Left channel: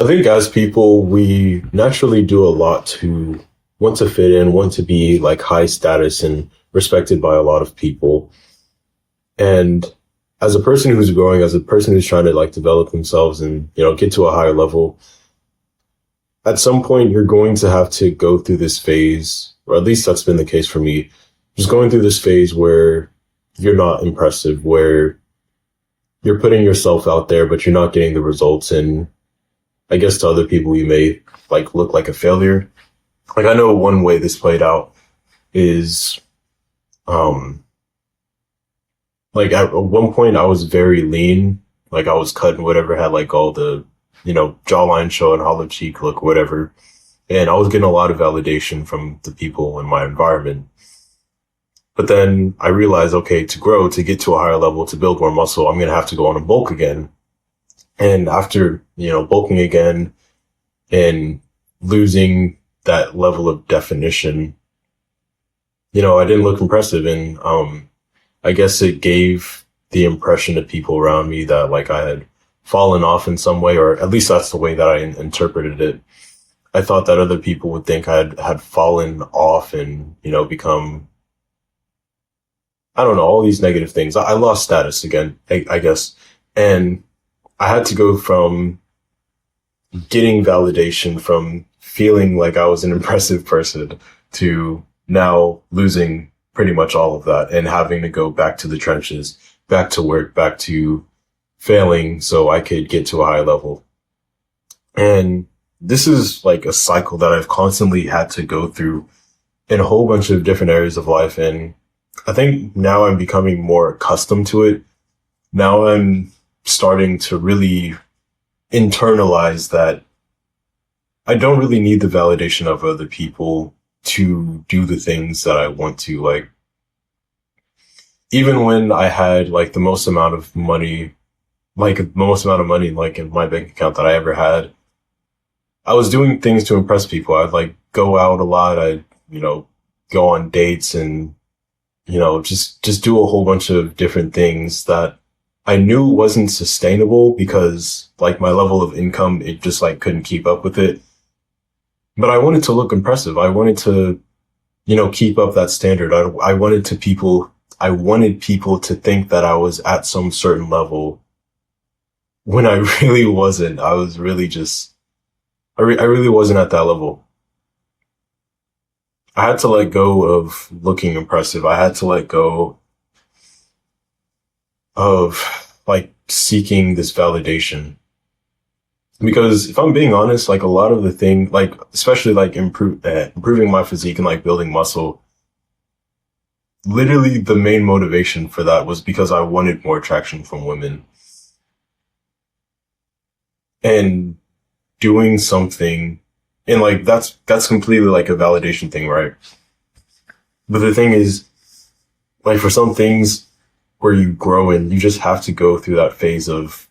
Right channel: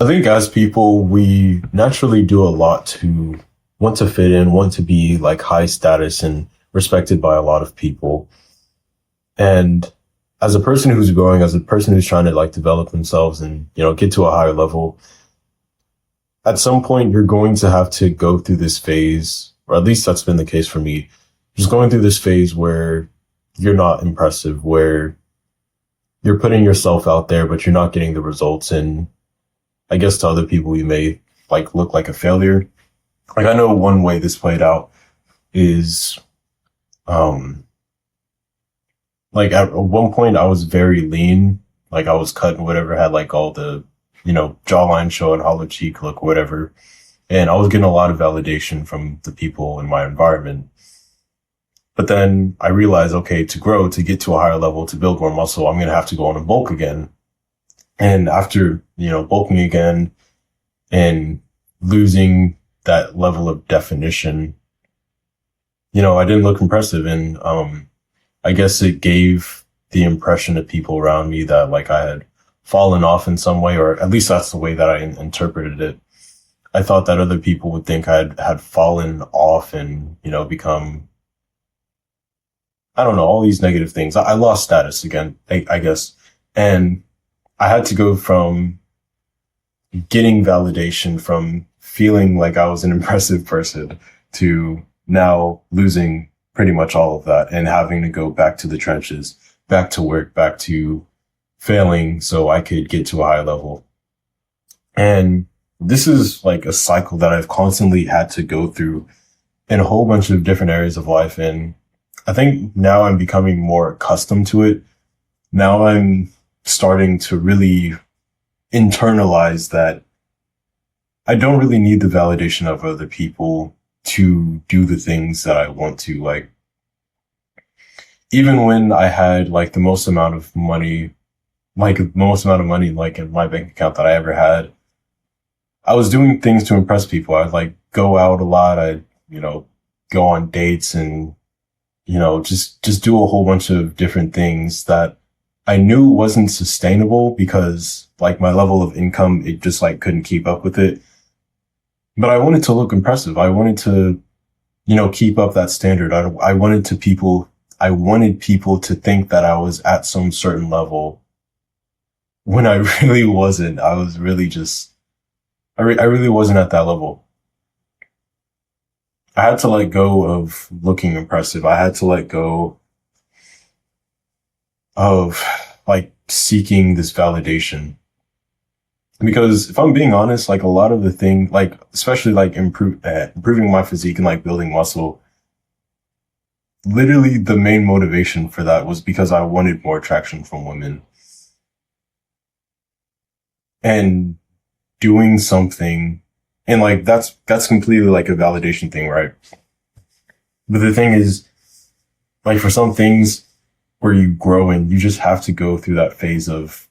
I think as people, we naturally do a lot to want to fit in, want to be like high status and respected by a lot of people. And as a person who's growing, as a person who's trying to like develop themselves and, get to a higher level, at some point you're going to have to go through this phase, or at least that's been the case for me, just going through this phase where you're not impressive, where you're putting yourself out there, but you're not getting the results. And I guess to other people, you may like look like a failure. Like I know one way this played out is, um, like at one point I was very lean, like I was cut and whatever, had like all the, jawline show and hollow cheek look, whatever. And I was getting a lot of validation from the people in my environment. But then I realized, okay, to grow, to get to a higher level, to build more muscle, I'm going to have to go on a bulk again. And after, bulking again and losing that level of definition, I didn't look impressive. And, I guess it gave the impression to people around me that like I had fallen off in some way, or at least that's the way that I interpreted it. I thought that other people would think I had fallen off and, become, I don't know, all these negative things. I lost status again, I guess. And I had to go from getting validation, from feeling like I was an impressive person, to now losing pretty much all of that and having to go back to the trenches, back to work, back to failing so I could get to a high level. And this is like a cycle that I've constantly had to go through in a whole bunch of different areas of life. And I think now I'm becoming more accustomed to it. Now I'm starting to really internalize that I don't really need the validation of other people to do the things that I want to. Like, even when I had like the most amount of money, like in my bank account that I ever had, I was doing things to impress people. I'd like go out a lot. I'd, go on dates and, just do a whole bunch of different things that I knew wasn't sustainable because like my level of income, it just like couldn't keep up with it. But I wanted to look impressive. I wanted to, keep up that standard. I wanted people to think that I was at some certain level when I really wasn't. I was really just, I really wasn't at that level. I had to let go of looking impressive. I had to let go of like seeking this validation. Because if I'm being honest, like a lot of the thing, like especially like improving my physique and like building muscle, literally the main motivation for that was because I wanted more attraction from women. And doing something, and like that's completely like a validation thing, right? But the thing is, like for some things where you grow and you just have to go through that phase of,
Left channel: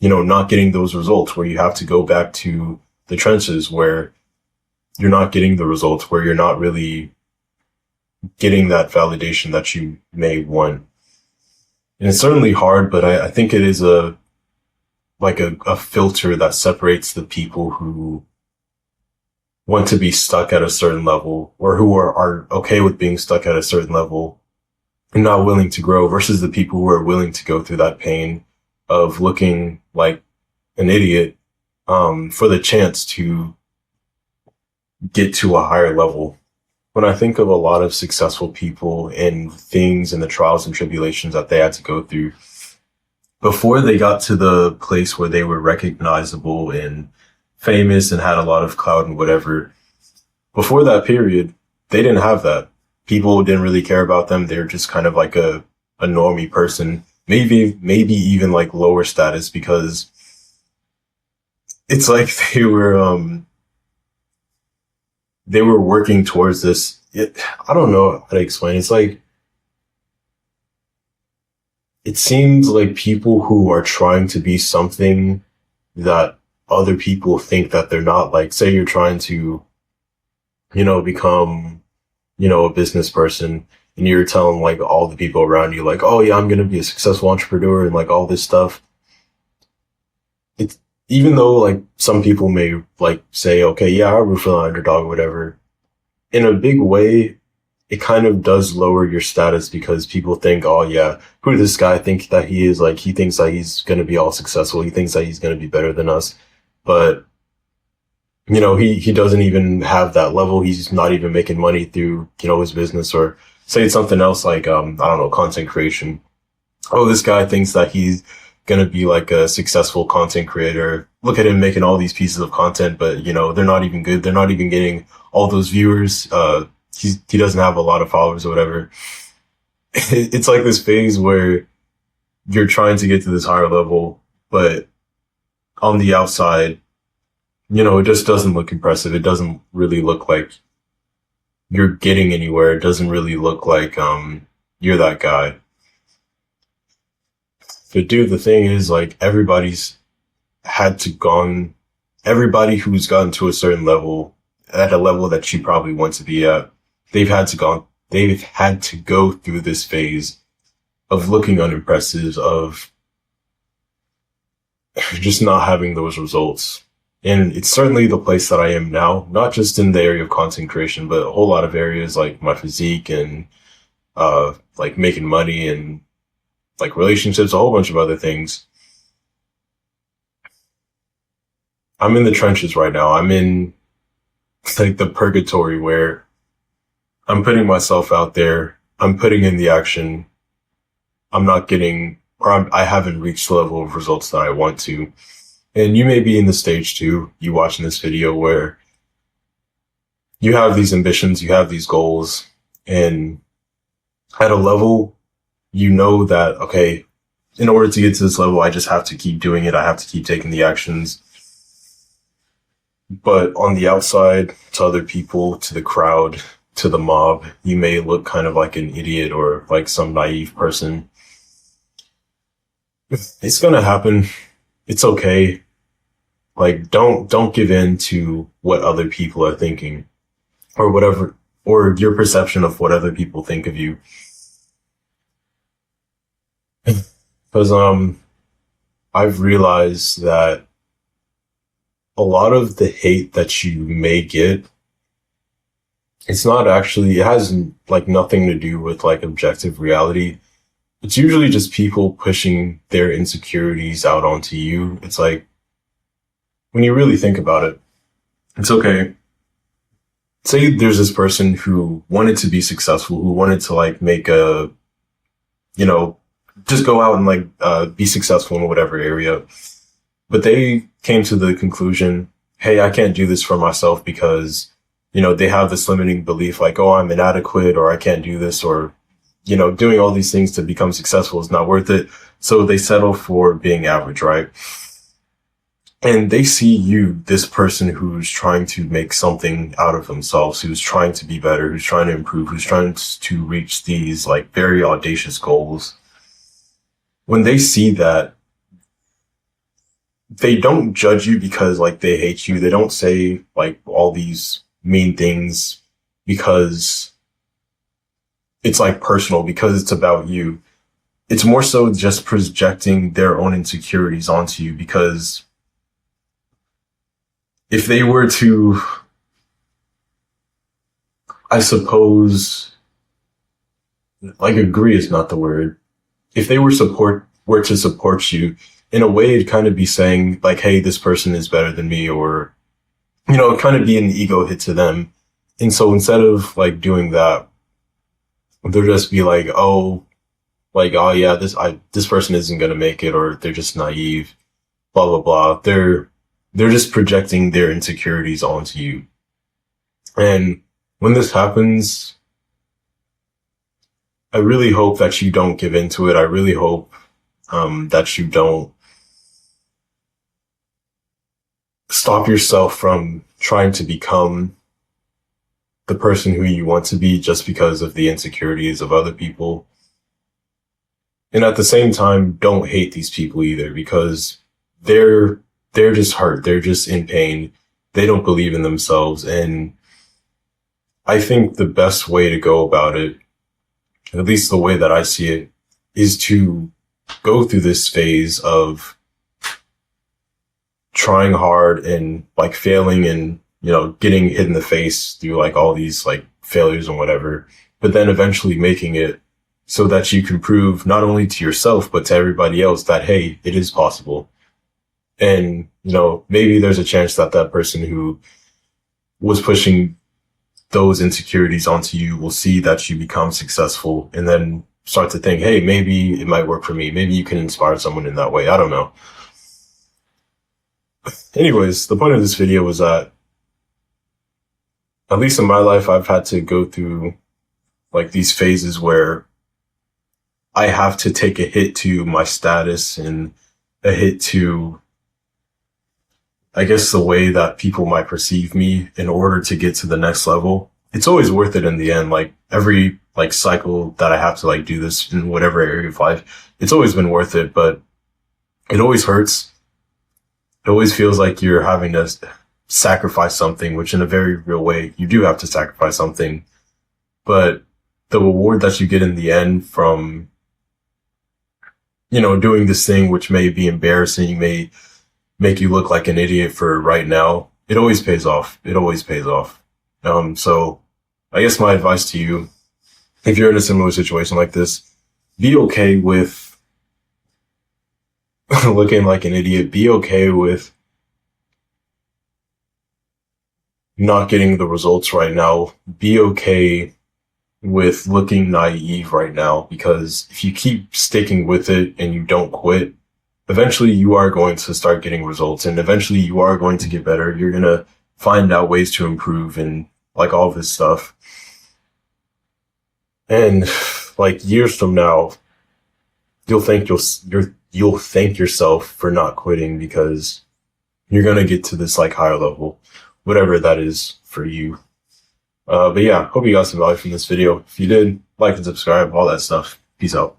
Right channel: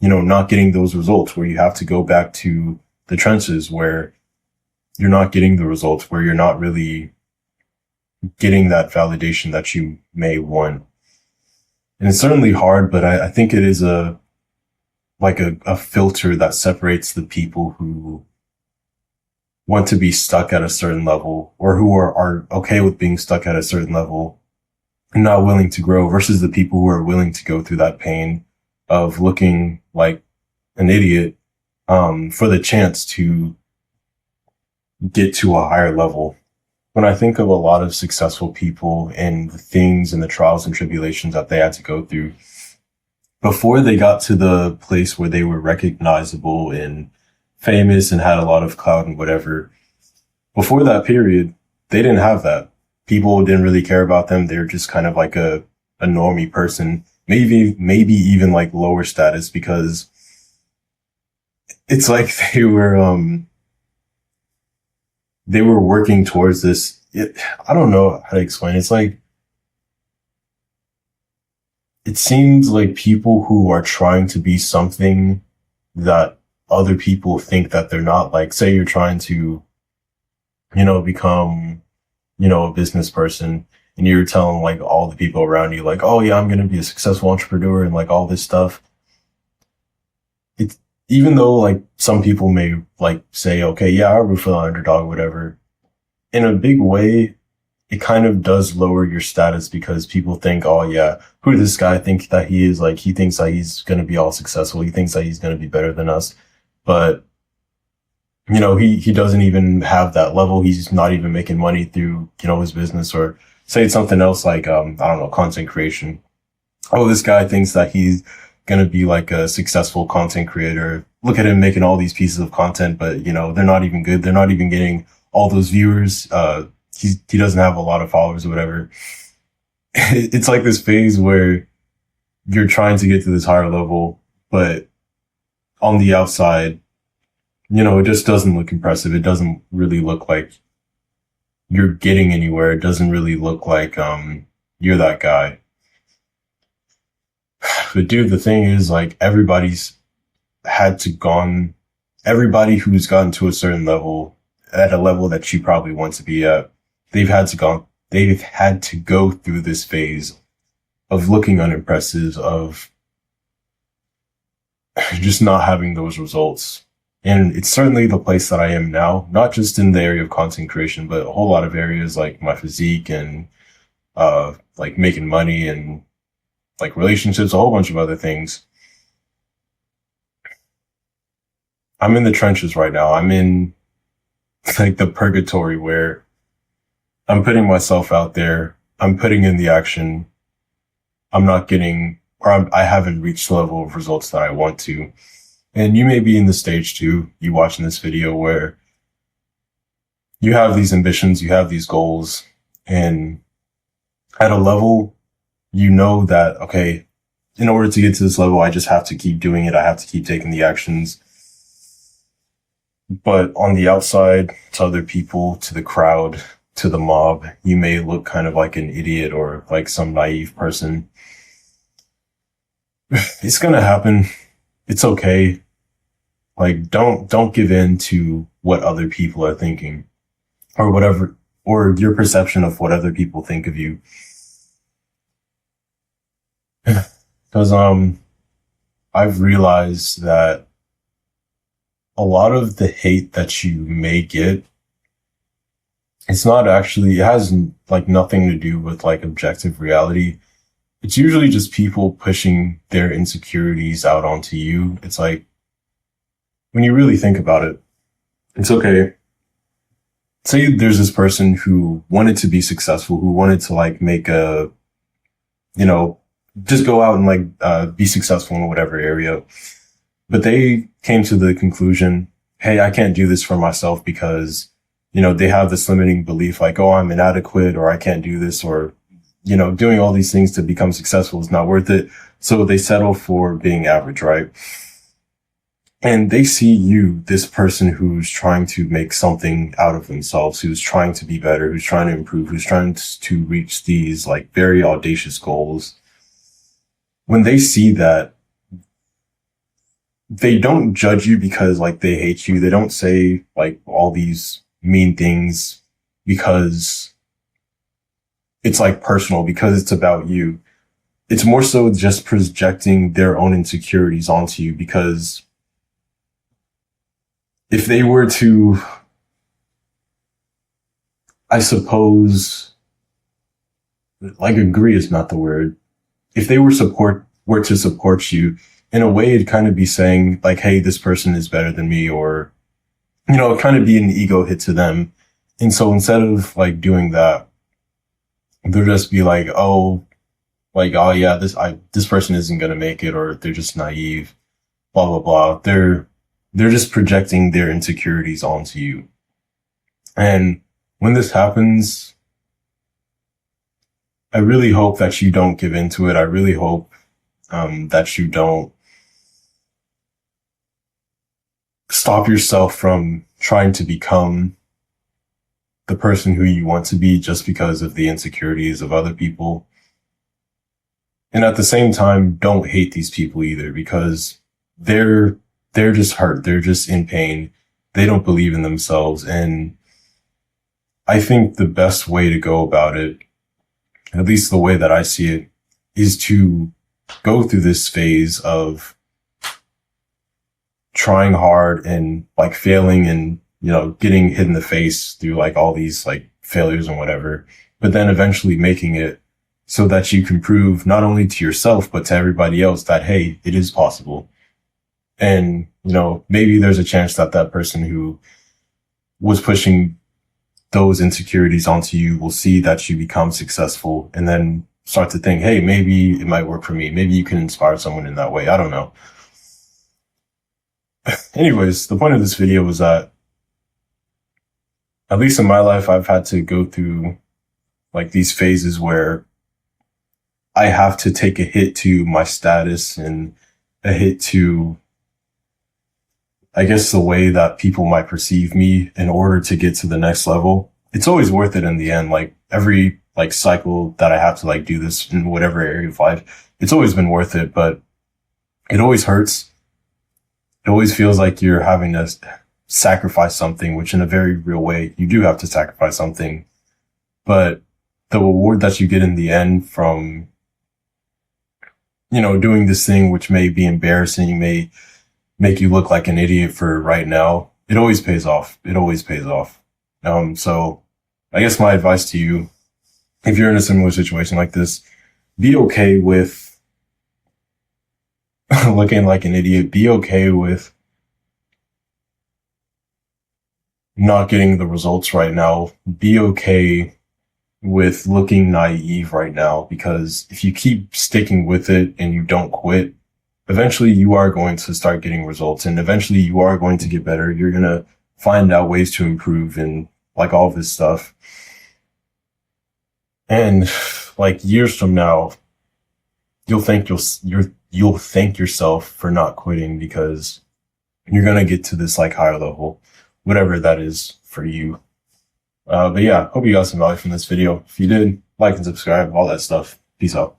not getting those results, where you have to go back to the trenches, where you're not getting the results, where you're not really getting that validation that you may want. And it's certainly hard, but I think it is a filter that separates the people who want to be stuck at a certain level, or who are okay with being stuck at a certain level and not willing to grow, versus the people who are willing to go through that pain of looking like an idiot, for the chance to get to a higher level. When I think of a lot of successful people and things and the trials and tribulations that they had to go through before they got to the place where they were recognizable and famous and had a lot of clout and whatever, before that period, they didn't have that. People didn't really care about them. They're just kind of like a normie person, maybe even like lower status, because it's like they were working towards this. I don't know how to explain. It's like, it seems like people who are trying to be something that other people think that they're not. Like, say you're trying to, become, a business person, and you're telling like all the people around you, like, oh yeah, I'm going to be a successful entrepreneur and like all this stuff. even though like some people may like say, okay, yeah, I root for the underdog or whatever, in a big way, it kind of does lower your status because people think, oh yeah, who does this guy think that he is? Like he thinks that he's going to be all successful. He thinks that he's going to be better than us. But he doesn't even have that level. He's not even making money through, his business, or say it's something else like, I don't know, content creation. Oh, this guy thinks that he's going to be like a successful content creator. Look at him making all these pieces of content, but they're not even good. They're not even getting all those viewers. He doesn't have a lot of followers or whatever. It's like this phase where you're trying to get to this higher level, but on the outside, it just doesn't look impressive. It doesn't really look like you're getting anywhere. It doesn't really look like, you're that guy. But dude, the thing is like everybody who's gotten to a certain level, at a level that you probably want to be at, they've had to go through this phase of looking unimpressive, of just not having those results. And it's certainly the place that I am now, not just in the area of content creation, but a whole lot of areas like my physique and, like making money and like relationships, a whole bunch of other things. I'm in the trenches right now. I'm in like the purgatory where I'm putting myself out there. I'm putting in the action. I'm not getting, I haven't reached the level of results that I want to. And you may be in the stage too, you watching this video, where you have these ambitions, you have these goals, and at a level, that, okay, in order to get to this level, I just have to keep doing it. I have to keep taking the actions. But on the outside, to other people, to the crowd, to the mob, you may look kind of like an idiot or like some naive person. It's gonna happen. It's okay. Like, don't give in to what other people are thinking or whatever, or your perception of what other people think of you. Cause, I've realized that a lot of the hate that you may get, it has like nothing to do with like objective reality. It's usually just people pushing their insecurities out onto you. It's like, when you really think about it, it's okay. Say there's this person who wanted to be successful, who wanted to like make just go out and like, be successful in whatever area. But they came to the conclusion, hey, I can't do this for myself because, they have this limiting belief like, oh, I'm inadequate, or I can't do this, or, doing all these things to become successful is not worth it. So they settle for being average, right? And they see you, this person who's trying to make something out of themselves, who's trying to be better, who's trying to improve, who's trying to reach these like very audacious goals. When they see that, they don't judge you because like they hate you. They don't say like all these mean things because it's like personal, because it's about you. It's more so just projecting their own insecurities onto you, because if they were to, I suppose, like agree is not the word. If they were to support you, in a way, it'd kind of be saying like, hey, this person is better than me, or, it'd kind of be an ego hit to them. And so instead of like doing that, they'll just be like, oh yeah, this person isn't going to make it, or they're just naive, blah, blah, blah. They're just projecting their insecurities onto you. And when this happens, I really hope that you don't give into it. I really hope, that you don't stop yourself from trying to become the person who you want to be just because of the insecurities of other people. And at the same time, don't hate these people either, because they're just hurt. They're just in pain. They don't believe in themselves. And I think the best way to go about it, at least the way that I see it, is to go through this phase of trying hard and like failing and, you know, getting hit in the face through like all these like failures and whatever, but then eventually making it so that you can prove not only to yourself, but to everybody else that, hey, it is possible. And, you know, maybe there's a chance that that person who was pushing those insecurities onto you will see that you become successful and then start to think, hey, maybe it might work for me. Maybe you can inspire someone in that way. I don't know. Anyways, the point of this video was that, at least in my life, I've had to go through like these phases where I have to take a hit to my status and a hit to, I guess, the way that people might perceive me in order to get to the next level. It's always worth it in the end. Like every like cycle that I have to like do this in whatever area of life, it's always been worth it, but it always hurts. It always feels like you're having to sacrifice something, which in a very real way, you do have to sacrifice something. But the reward that you get in the end from, you know, doing this thing, which may be embarrassing, may make you look like an idiot for right now, it always pays off. It always pays off. So I guess my advice to you, if you're in a similar situation like this, be okay with looking like an idiot. Be okay with not getting the results right now. Be okay with looking naive right now, because if you keep sticking with it and you don't quit, eventually you are going to start getting results and eventually you are going to get better. You're going to find out ways to improve and like all this stuff. And like years from now, you'll thank yourself for not quitting, because you're going to get to this like higher level, whatever that is for you. But yeah, hope you got some value from this video. If you did, like and subscribe, all that stuff. Peace out.